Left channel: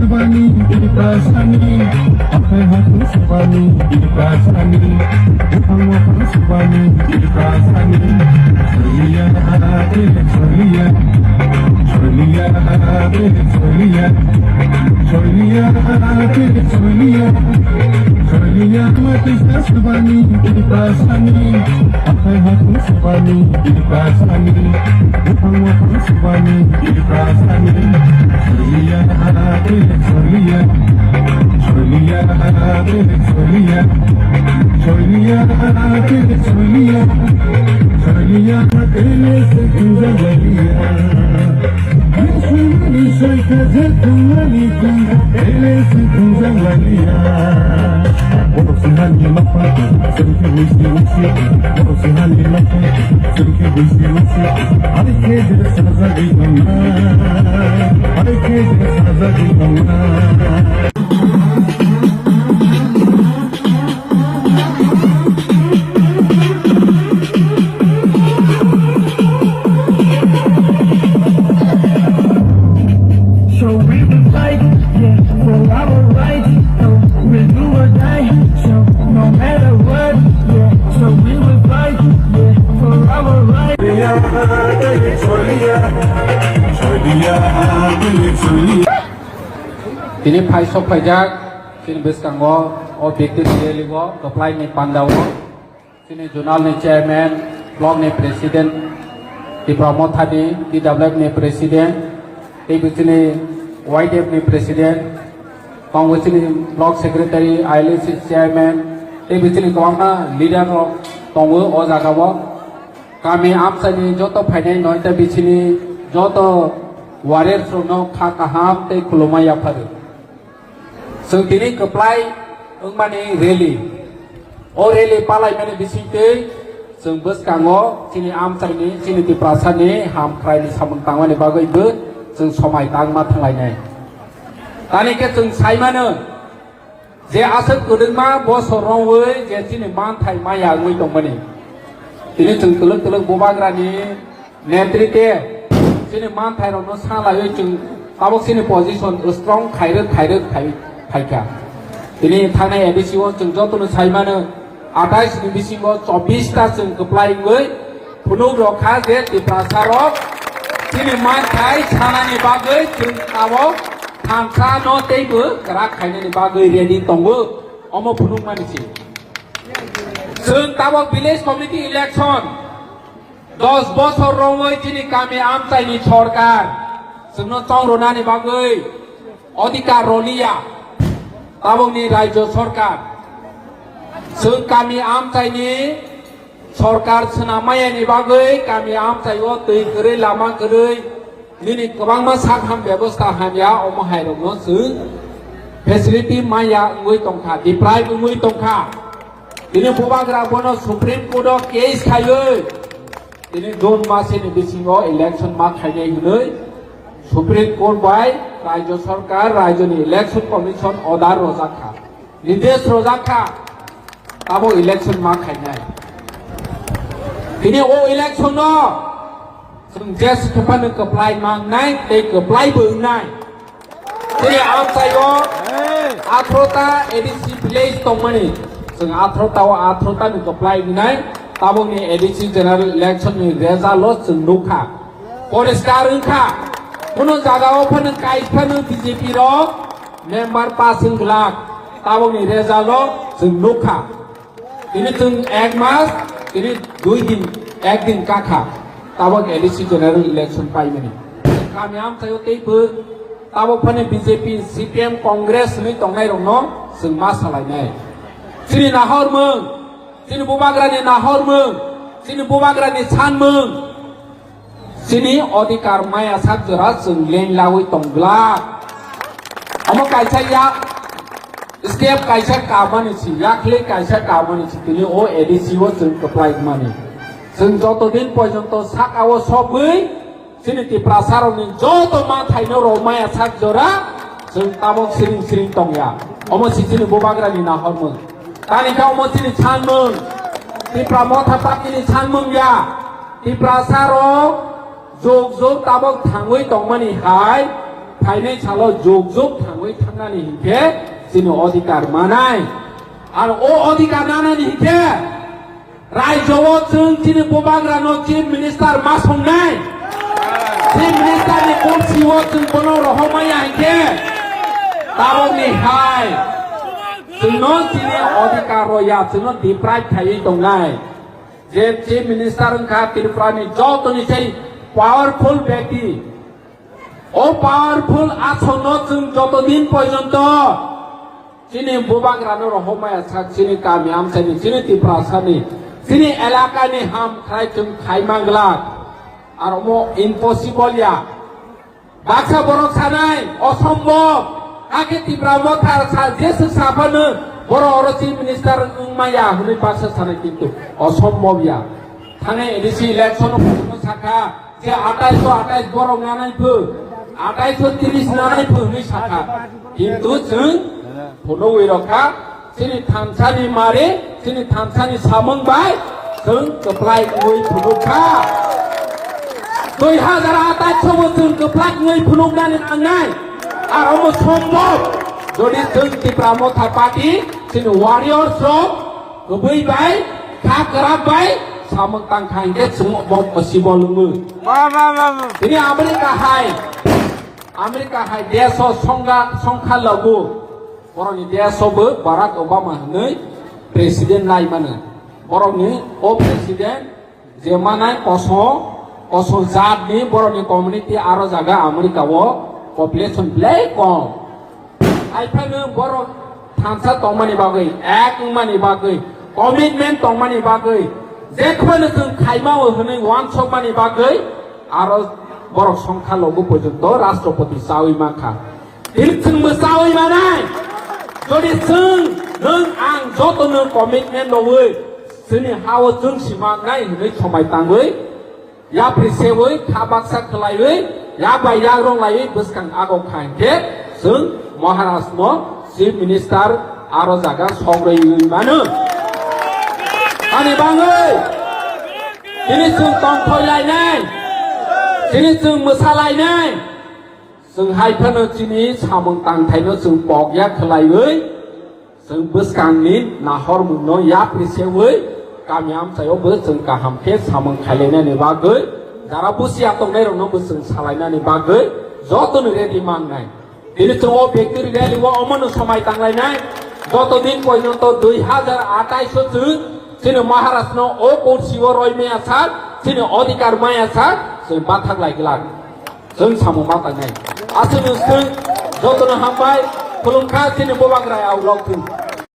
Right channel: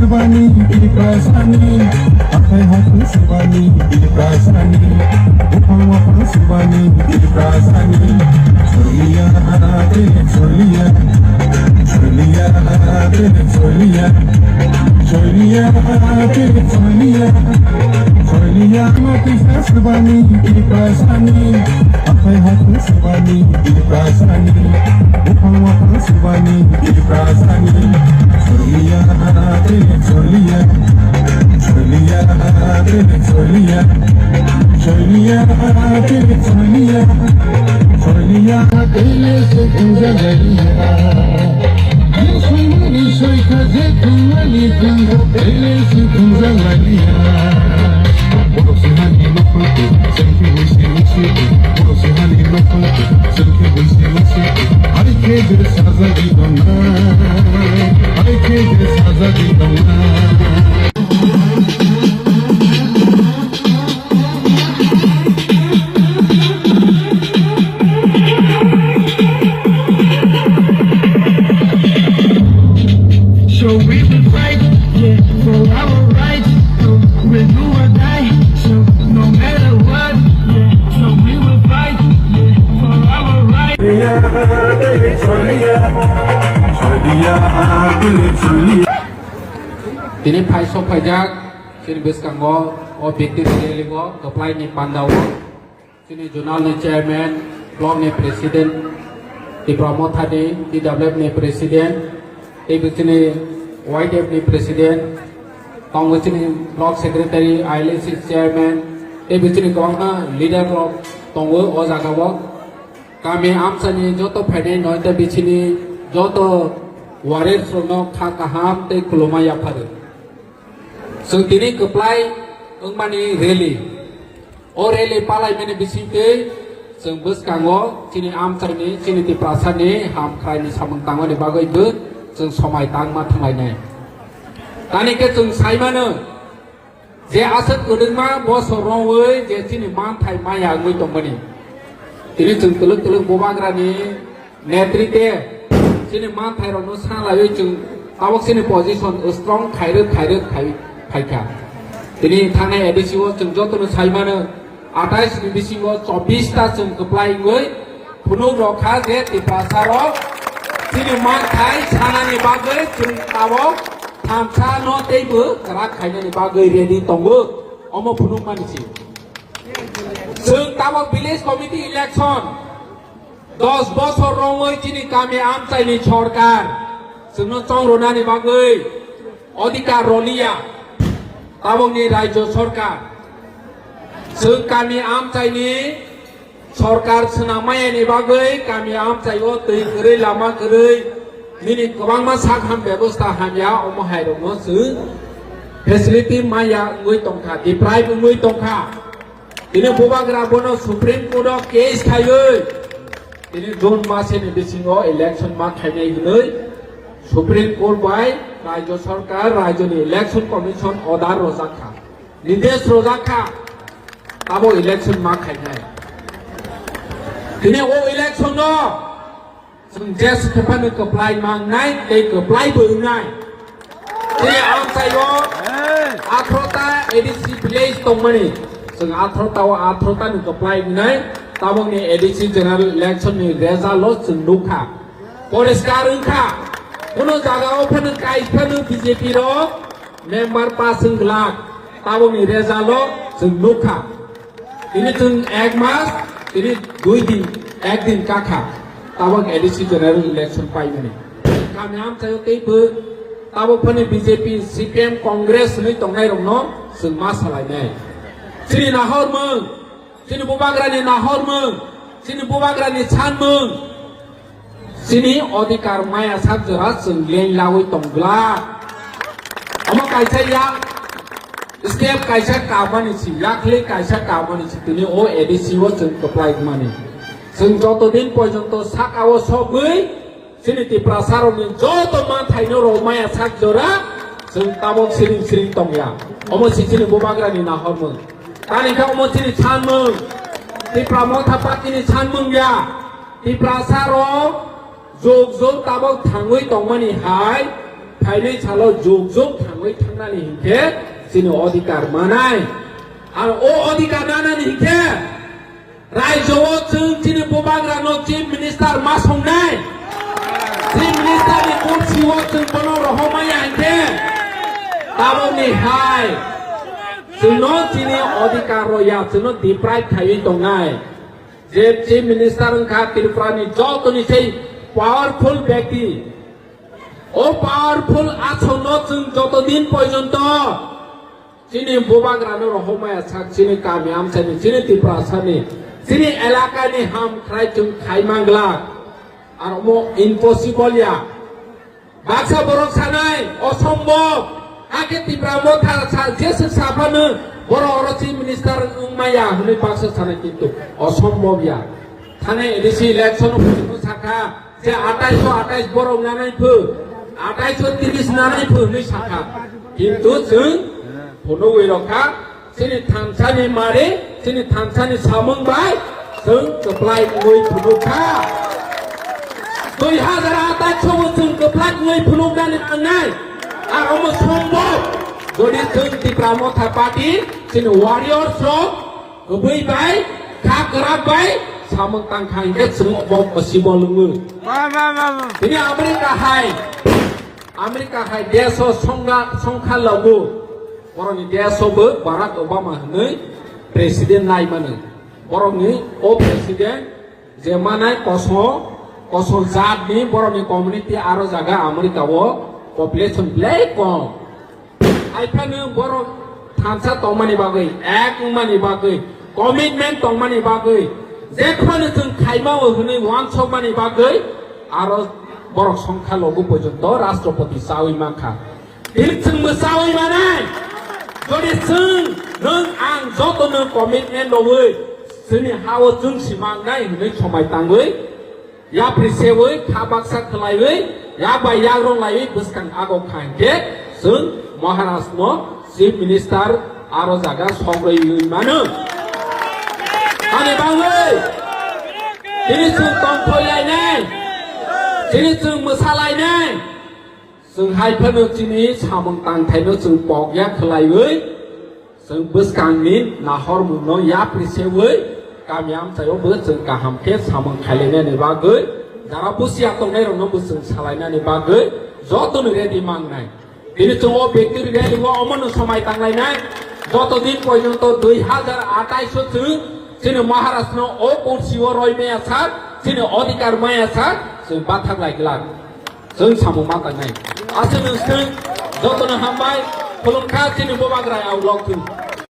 CHWBALai Ibrasani, akai hatu CHWBALai Ibrasani, upang waktu CHWBALai Ibrasani, Solia, Solia, Solia, Solia, Solia, Solia, Solia, mati CHWBALai Ibrasani, akai hatu CHWBALai Ibrasani, upang waktu CHWBALai Ibrasani, Solia, Solia, Solia, Solia, Solia, Solia, Solia, Dele se Jamatia. Hinui soy Khainai Congo, Dele se Jamatia. Bolo se hani na pati, senke wisi wisi. Bolo se hani na pati, senke wisi wisi. Ay ke dir saza gidana, ay ke dir saza gidana. So we will fight, yeah, for our rights. We'll do or die. So no matter what, yeah, so we will fight, yeah, for our rights. Tini phai sok phai jak, sini bus kanggo, objektif deliver, apply ni pandau, sini jurnal ni chairman, blog ni president, TIPRA MOTHA ni, TWF ni president, sini YDF ni president, Congress ni blog secretary, ILC chairman, sini kawana leader tonggu ozagawo, kami amsani joto Khainai noita bisini joto warrior suno khakaham te kulumaya pare. Sung tini keplai ungmani rally, o rally palai mene bisite sung bus kango sini amsani sini TIPRA ni ham krai ni samung kango ni bagai bu sung somai tang ma thangai nai. Tani ke sung sai mana je asat kudengma bo sorong we je sini man thai maya ngui tongmani. Ini sung tulung Bubagra ni netrite sini man thai rom no sala yo sung awak sini position strong khairuk Khaika. Ini thane edisiwo sung joto sai mana 28 Disember 24 ta sung keplai ngui punu rokha je TIPRA saro sini man thai sana ni bagai sung awak thamsa no teibu kara Khainai ni bagai ready tongbu omo punu kanisi. Sung tawak village community election 10 বছর রময় চিনি কামে আম চাইনি সরকার Suno চৌরনানি বাগৈ অধিকার রলিয়া তাবংনি রাজ্য সরকার সুং কামি আম চাইনি সরকার সুনা মায়ানি বাগৈ কামি আম চাইও তৈ গरै লামা গरै নিনি গোबांमा साखाम ব্যবস্থা হামিয়া অমহাইরনো সু facility Maya ngui tongkha diplai ngui tongkha Ini Bubagra bono Supreme Court case khaiyoi. Ini dom mase ni bisingo election ma Khainai gunoi. Supreme Court bai Rajya Sarkar Rajya ni election commission order rozakha. Nidesh rozakha. Abo election ma Khainai. Ini o election no. Sung jes tepan ni apply mang nai, te apply bung nai. Ini am sayo. Atrota ADC village tongmani. Sung atrota ni apply nai. Tabong ni ADC general election ni result sung dukha. Poriskar ungkha. Puno jagao phanu kai phanu BJP ro member passing glak. Tabong ni result sung dukha. Ini sung ek mas, ini 2 din, ek din kakha. Tabong ADC general election pai mani. Kamyam sayo teipu. Tabong phanu BJP CPM Congress ni tongai rongno sung masalai nai. Sini nahor mung. Sini Bubagra ni nahor mung, sini Bubagra ni chan mung, sini odikar maya sat jerat sung leng lawi tonggla. Amo kaisa ya, setiap kaisa kawan isi, yakle kaisa kawan isi, ini o edisi wo sung keplai mani. Sung joto din pojonto Saka wo sobui, sini TIPRA saroni joto man thaino ro maya sak jora jeng tabok siring tong ya omo sini Bubagra ni na hormon tani ka omo sini chanmung TIPRA MOTHA party ni chanmung ya TIPRA saro jog tabok thangui tongmani hai thainai chalo jog thangui thangnani hingke sini odhikar manai ar o odhikar manani hingke Raijowo jeng sini Bubagra no chief minister masongnai chief minister ni kursiwo jeng bono rohomaya hingke tabok ni hai jeno sini odhikar roya jeno deprive thai tongnai je chief minister ka TIPRA ni joto ni sei powerful ব্যক্তি ও powerful আসন্ন যতদিন পর্যন্ত যিনি বুবাগ্রানো রহমায়া সাক যিনি কামিয়াম সানি যিনি TIPRA Sunny যিনি এলাকানি হাম খাই চুম খাই মাংলা আর মো ইম্পসিবল ইয়া বাক্সা বরক সানাই অসম্ভব আগে TIPRA MOTHA সা জেসু সাফানো বড় অরচি মিনিস্টার উম্মায়া হলে বাক্সা সানাই কিন্তু অসম্ভব ইয়া থানে এডিসি ইলেকশন সাকা যে 2828 বড় নানাই ফু 2830 নানাই ফু নি সাকা কিন্তু जों ফলংই রখা সিনি থামসানি মারে সিনি থামসানি সামংবাই जों কপ্লাই গই ফুলুখা 2028 जों কপ্লাই গই ফুলুগানি আংনাই আর অম সম্ভব যদি जों TIPRA MOTHA পার্টি সিনি ওয়ারিয়র্স র গবৈবাই কাকরাবাই samang tangkai ke semua bom possible lu. Ini Amerika hai dia so songkha lagu. Orang ni dia so ber Barack Obama ni presiden lai mana. Orang ni presiden zaman ni kosong zat ni orang ni community aro jaga Amerika wo population play kom. Ai pan orang thamsa tongmani bagai, ek mani bagai, commitment tongmani bagai. যেখানে जों খাইমাও হনে ওয়ানসমানি বাগৈ আর বড় সংখ্যা লঘু পর্যন্ত রাষ্ট্রপতি চাওই মাখা जों চাওই মানাই যদি जों नों आं যতনো কমিটমেন্ট লওই जोंनि हाव जों सिमांनाय हनै समाय ताङै या प्रिसेवै खाबाक्सा खलायै या बाया रंलायै बसखां आगौ खांके जों महाराष्ट्र चिफ मिनिस्टार आरो जागा संग्रै मानो Ani bangai, ini जों tongkol lainai, ini जों mosalai, जों haipano ini samung tangtaino जों pokya kelayway, जों beskangni nahor muno ya priseway, kami am sayo bes जों kahamke samung kalaina ni bagay, garabusi atau nerono bes जों salaina ni bagay, joto ni ready mangai, ini जों objektif ready wa omanu somai tanglainai, joto din পর্যন্ত 2028 जों sini Maharashtra o kursiwo roi maya sak sini odhikar maya sak sini bathak lai gelag जों samu mata nai asal jotono hambai khulungkha sini Bubagra awlok